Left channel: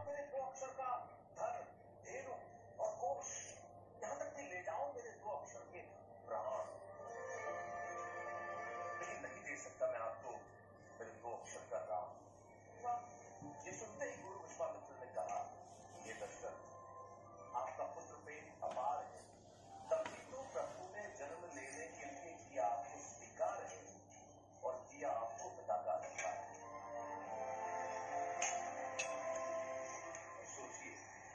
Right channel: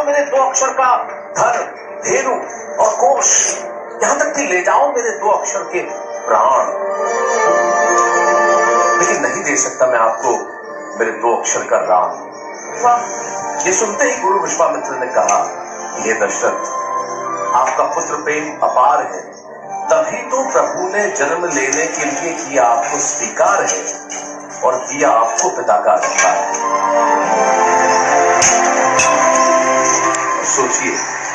जाओ मेरे 2 अक्षर का धन, धेनु और कोश, यहां तक कि ले जाओ मेरे 2 अक्षर के प्राण, लेकिन नहीं दे सकता मैं आपको मेरे 2 अक्षर का राम। ये सुनते ही गुरु विश्वामित्र ने कहा, ये दशरथ, आपका पुत्र प्रेम अपार है, तभी तो प्रभु ने जन्म लेने के लिए किया आपको स्वीकार है और दिया आपको पिता का अधिकार। सोचिए,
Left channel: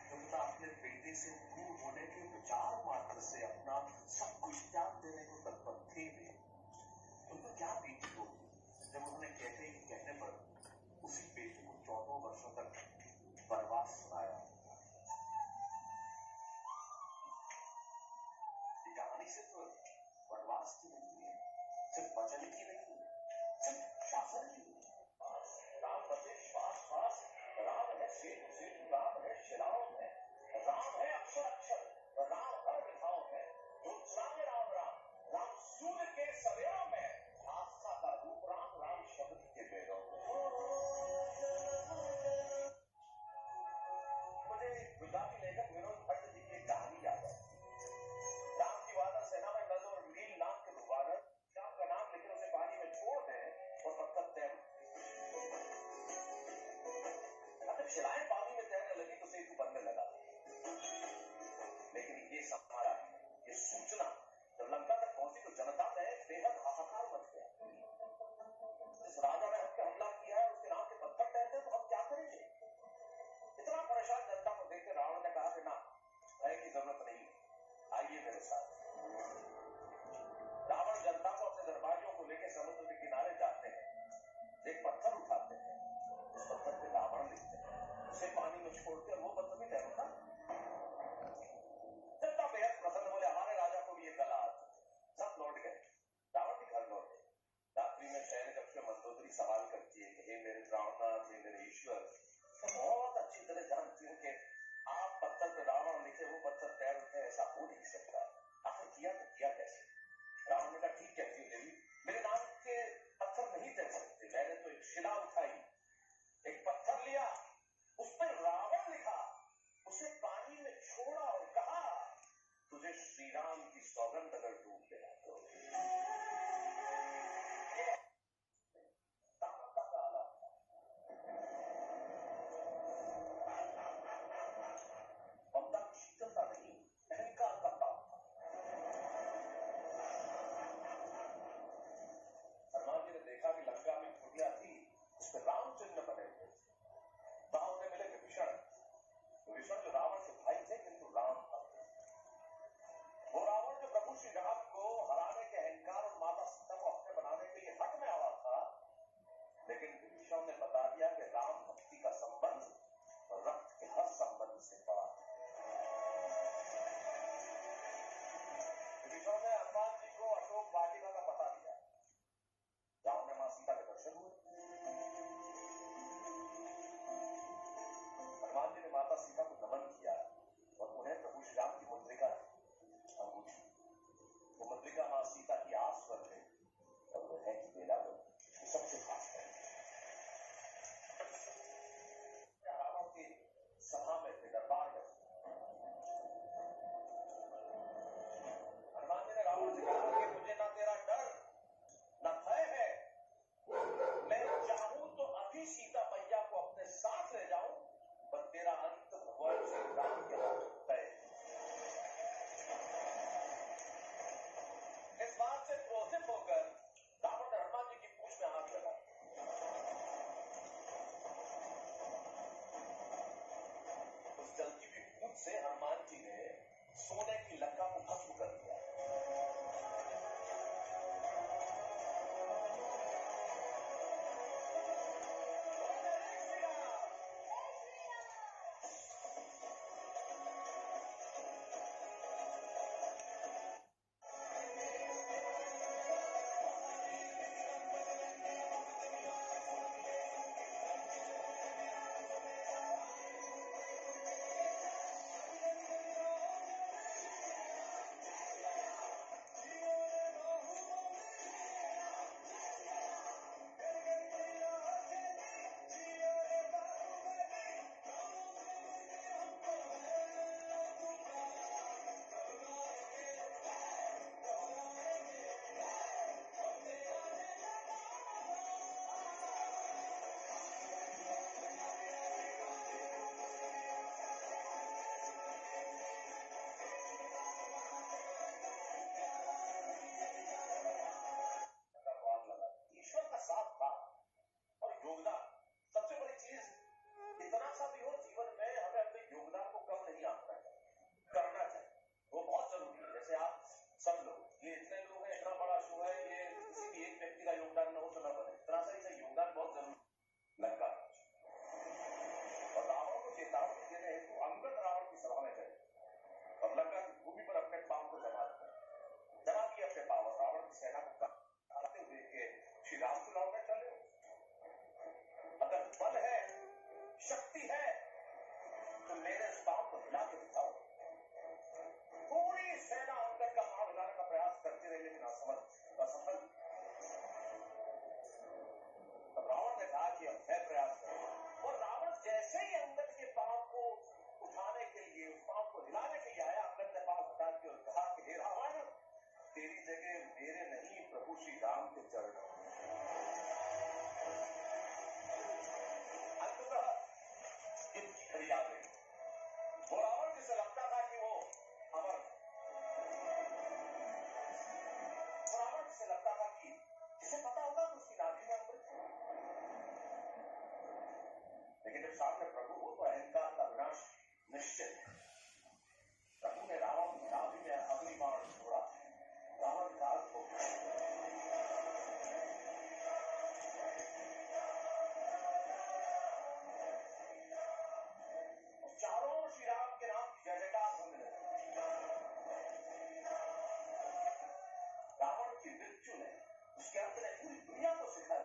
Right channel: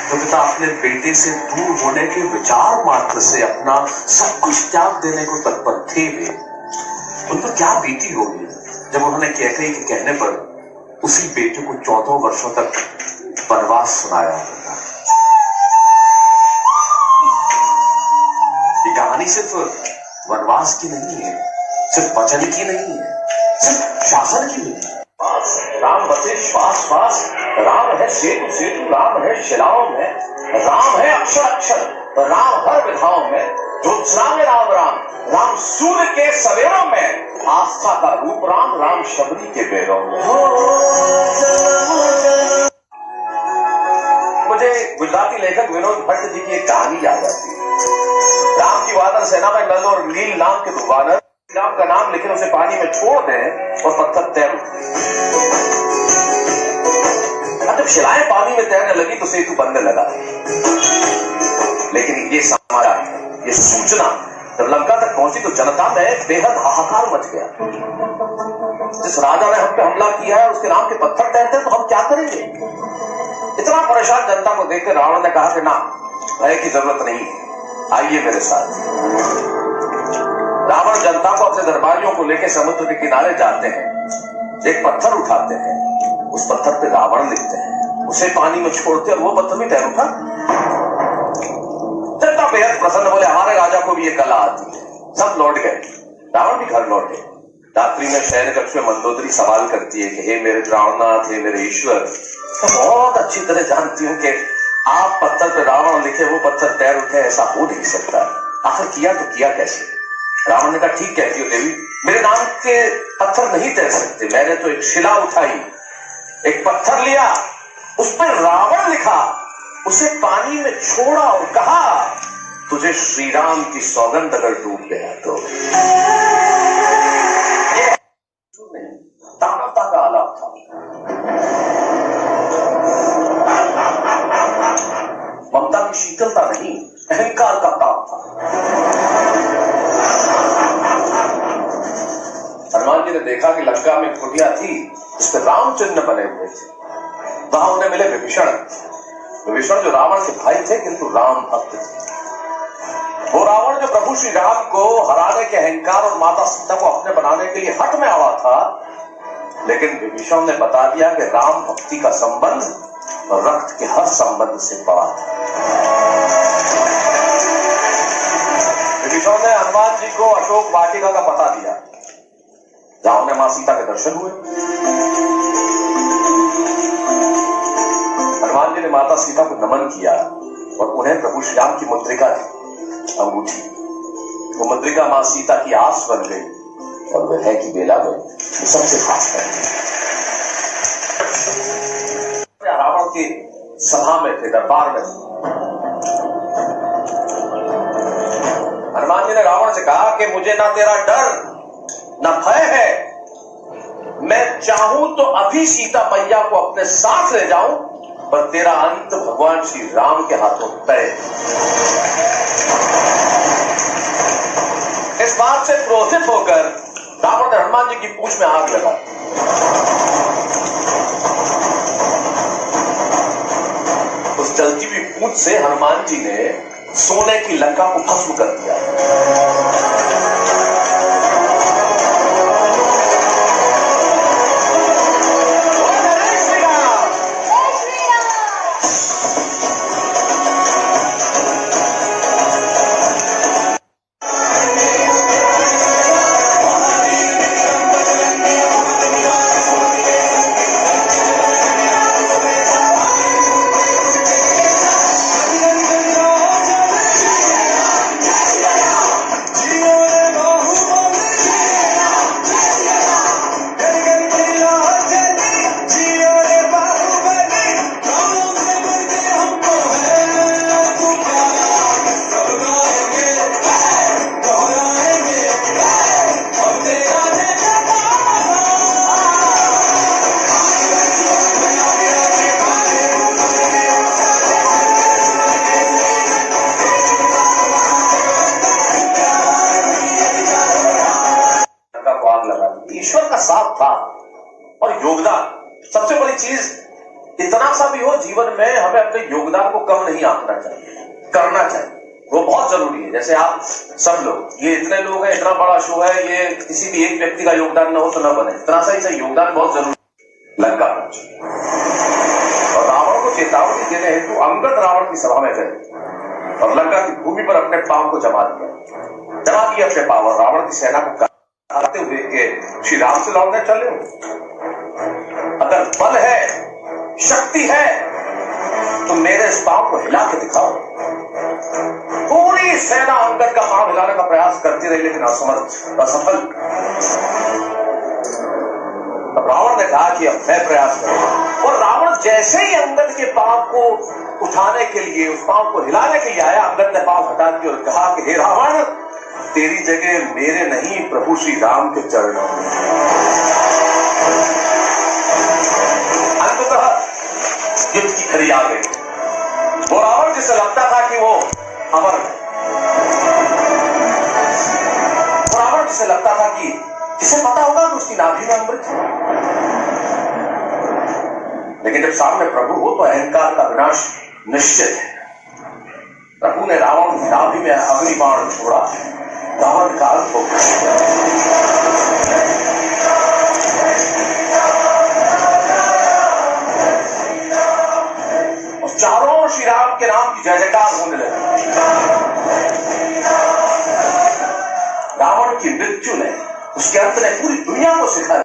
तो पिता अपने बेटे से दूर होने के विचार मात्र से अपना सब कुछ त्याग देने को तत्पर थे वे। उन पर क्या बीती होगी जब उन्होंने कैकेयी के कहने पर उसी बेटे को 14 वर्षों तक वनवास सुनाया होगा। ये कहानी सिर्फ वनवास की नहीं है, सिर्फ वचन की नहीं है, सिर्फ शासन की नहीं है। राम बसे श्वास श्वास, राम है सेतु सेतु, राम है शिलाओं में, राम है अक्षर अक्षर, राम हर विधाओं में, ज्योत्सना में राम राम, राम सूर्य के सवेरों में, आस्था का रूप राम, राम शबरी के बेरों में। मुझे गुजराती लेखक विनोद भट्ट जी की एक कहानी याद आती है। राम की वानर सेना में नल और नील नाम के 2 वानर राम का नाम लेकिन उसे पानी में छोड़ दें और पत्थर तैर उठे। जब शिलाएं पानी में तैरने लगी तो सेतु बनने लगा, लेकिन ये समाचार, ये सूचना जब लंका तक पहुंची तो जनता में बेहद हाहाकार मच गया। जिस राजा ने हम पे हमला किया है उसके नाम के पत्थर तैरते हैं तो हम क्या करेंगे? इतना परेशान जनता को देखकर रावण ने कहा कि ना, भय की जरूरत नहीं, आइए मेरे साथ। रावण जनता को अपने दरबारियों को लेकर समुद्र के किनारे जाते हैं, एक पत्थर उठाते हैं, उस पत्थर पे रावण लिखते हैं, उसे पानी में छोड़ते और वो पत्थर भी तैर उठा। जनता बेहद प्रसन्न, बोले हमारे राजा को भी ये कला आती है। सब लौट गए, रावण भी घर लौटे। रात्रि में शयन कक्ष में मंदोदरी सवाल करती है कि हे मेरे प्राणनाथ, हे मेरे ईश्वर, तो बहुत अच्छी तरह जानती हूँ कि आप पत्थर पे रावण लिखे वो पत्थर तैर उठे, ऐसा हो नहीं सकता, आखिर किया तो किया कैसे? रावण ने कहा ठीक कहती हो देवी, मेरे नाम के पत्थर नहीं तैर सकते, मैंने तो एक शिला उठाई, एक पत्थर लिया, उस पर रावण लिखा, उसे पानी में छोड़ा और कहा तुझे श्री राम की सौगंध अगर डूब गया तो। दानवता का आलाप था, ममता की शीतलता नहीं, अहंकार का ताप था। हनुमान जी ने देखा कि लंका में कुटिया थी, उस पर राम चिन्ह बने हुए थे। वहां उन्हें मिले विभीषण। विभीषण जो रावण के भाई थे किंतु राम भक्त थे। वो रावण जो प्रभु श्री राम को हराने के अहंकार और माता सीता को अपने बनाने के लिए हट में आवा था, लेकिन विभीषण ने बता दिया कि राम भक्ति का संबंध और रक्त के हर संबंध से बड़ा था। विभीषण ने हनुमान जी को अशोक वाटिका का पता दिया, जहां उन्हें मां सीता के दर्शन हुए। हनुमान जी ने माता सीता को नमन किया और उन्हें प्रभु श्री राम की मुद्रिका दी, अंगूठी। वो मुद्रिका मां सीता की आस बन गई और विरह की बेला में सबसे खास कर रावण की सभा में थे, दरबार में। हनुमान जी ने रावण से कहा कि मुझे ना तेरा डर ना भय है, मैं चाहूं तो अभी सीता मैया को अपने साथ ले जाऊं, पर तेरा अंत भगवान श्री राम के हाथों तय। इस बात से क्रोधित होकर रावण ने हनुमान जी की पूंछ में आग लगा। उस जलती हुई पूंछ से हनुमान जी ने सोने की लंका को भस्म कर दिया। जितना सा भी हो जीवन में हमें अपने योगदान को कम नहीं आंकना चाहिए, करना चाहिए, वो बहुत जरूरी है। जैसे आप सब लोग, ये इतने लोग हैं, इतना बड़ा शो है, ये किसी भी एक व्यक्ति का योगदान न हो तो न बने, इतना सा ही योगदान बहुत जरूरी है। लंका पहुंचे और रावण को चेतावनी देने हेतु अंगद रावण की सभा में गए और लंका की भूमि पर अपने पांव को जमा दिया अपने पांव, और रावण की सेना को कहते हुए कि श्री राम से लड़ने चले, अगर बल है, शक्ति है, तो मेरे इस पांव को हिला के दिखाओ। पूरी सेना अंगद का पांव हिलाने का प्रयास करती रही, लेकिन असफल। रावण ने कहा कि अब मैं प्रयास करूंगा, और रावण जैसे ही अंगद के पांव को उठाने के लिए, उस पांव को हिलाने के लिए आया, अंगद ने पांव हटा दिया और कहा कि हे रावण, तेरी जगह मेरे नहीं प्रभु श्री राम के चरणों में। अंततः युद्ध की खड़ी आ गई। वो रावण जिसे लगता था कि वो अमर है, वो रावण जिसे लगता था कि जिसे पता होगा कि उसकी नाभि में अमृत है, लेकिन जब सामने प्रभु हो तो अहंकार का विनाश निश्चित है। प्रभु ने रावण की नाभि में अग्निबाण छोड़ा, रावण का अंत हो गया। और चारों ओर श्री राम के नाम की जय जयकार होने लगी। रावण की मृत्यु ने, उसके अंत ने पूरी दुनिया को सिखा।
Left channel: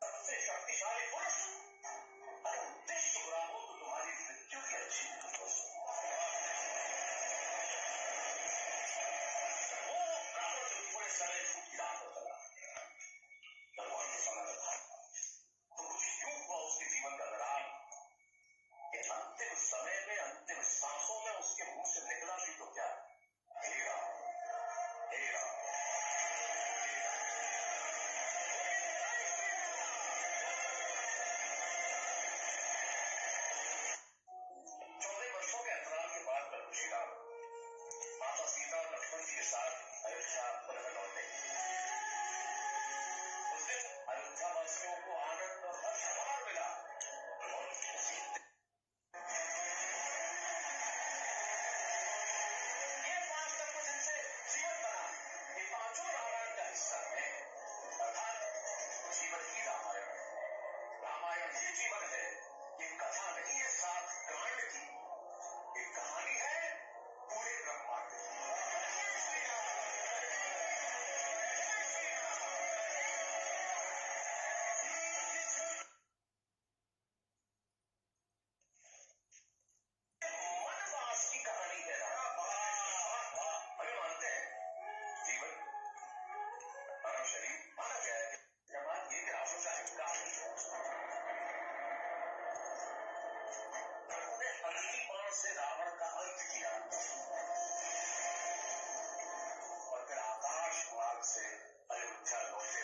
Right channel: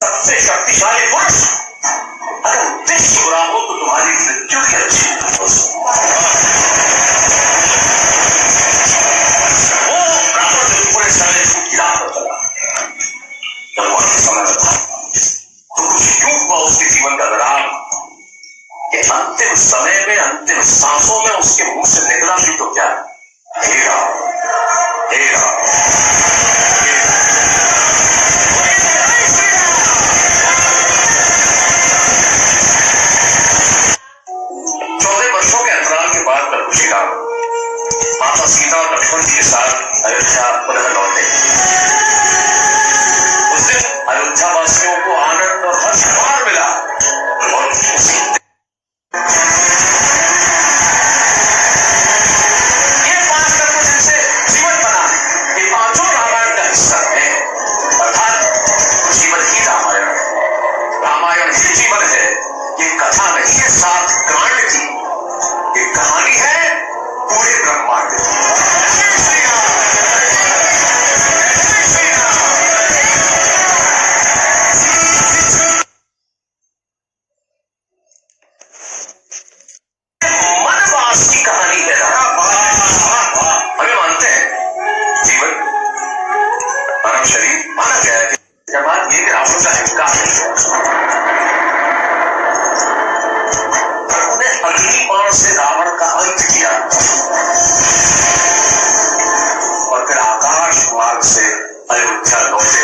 सबसे शक्तिशाली पुरुष अगर उद्देश्य बुरा हो तो तुम्हारी मृत्यु की अच्छी हो। वो रावण ने पूरे समय की राह पर चला। जब वह समय था तो कुछ यूं हुआ उसके जीवन का दौरान कि अंतिम समय में, अंतिम सांसों में उसके मुंह से निकला भी तो क्या, हे राम, हे राम। माता सीता और लक्ष्मण जी के साथ अयोध्या पुनः लौटे। उस दिन अयोध्या वासियों को आनंद और हर्ष बार मिला और उसी ये 5 कर्म जिनसे जीवन बना, ये 5 रामायण का हिस्सा है। अर्थात जीवन ही रामायण है, रामायण ही जीवन है। ये कथा नहीं है 7 कांड की, ये कहानी है पूरे ब्रह्मांड की। मनवास की कहानी है। हमें मानते हैं जीवन, मानव शरीर माना गया है कि जब ये रावण का अहंकार उन्हें अग्निबाण से रावण का अंत किया और फिर आकाश मार्ग से अयोध्या लौटे।